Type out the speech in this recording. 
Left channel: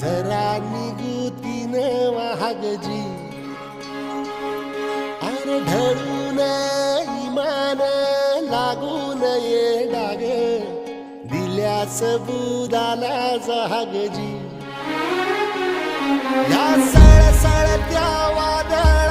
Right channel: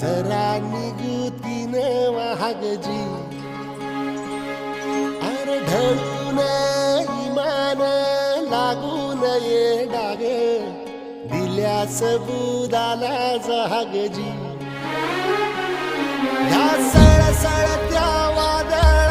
जरा निगुतीन वाहगजी अरे ढळून इमान लागून ये डाग दिल्या सबुदाला जहागजी या सळसळत्या वादळ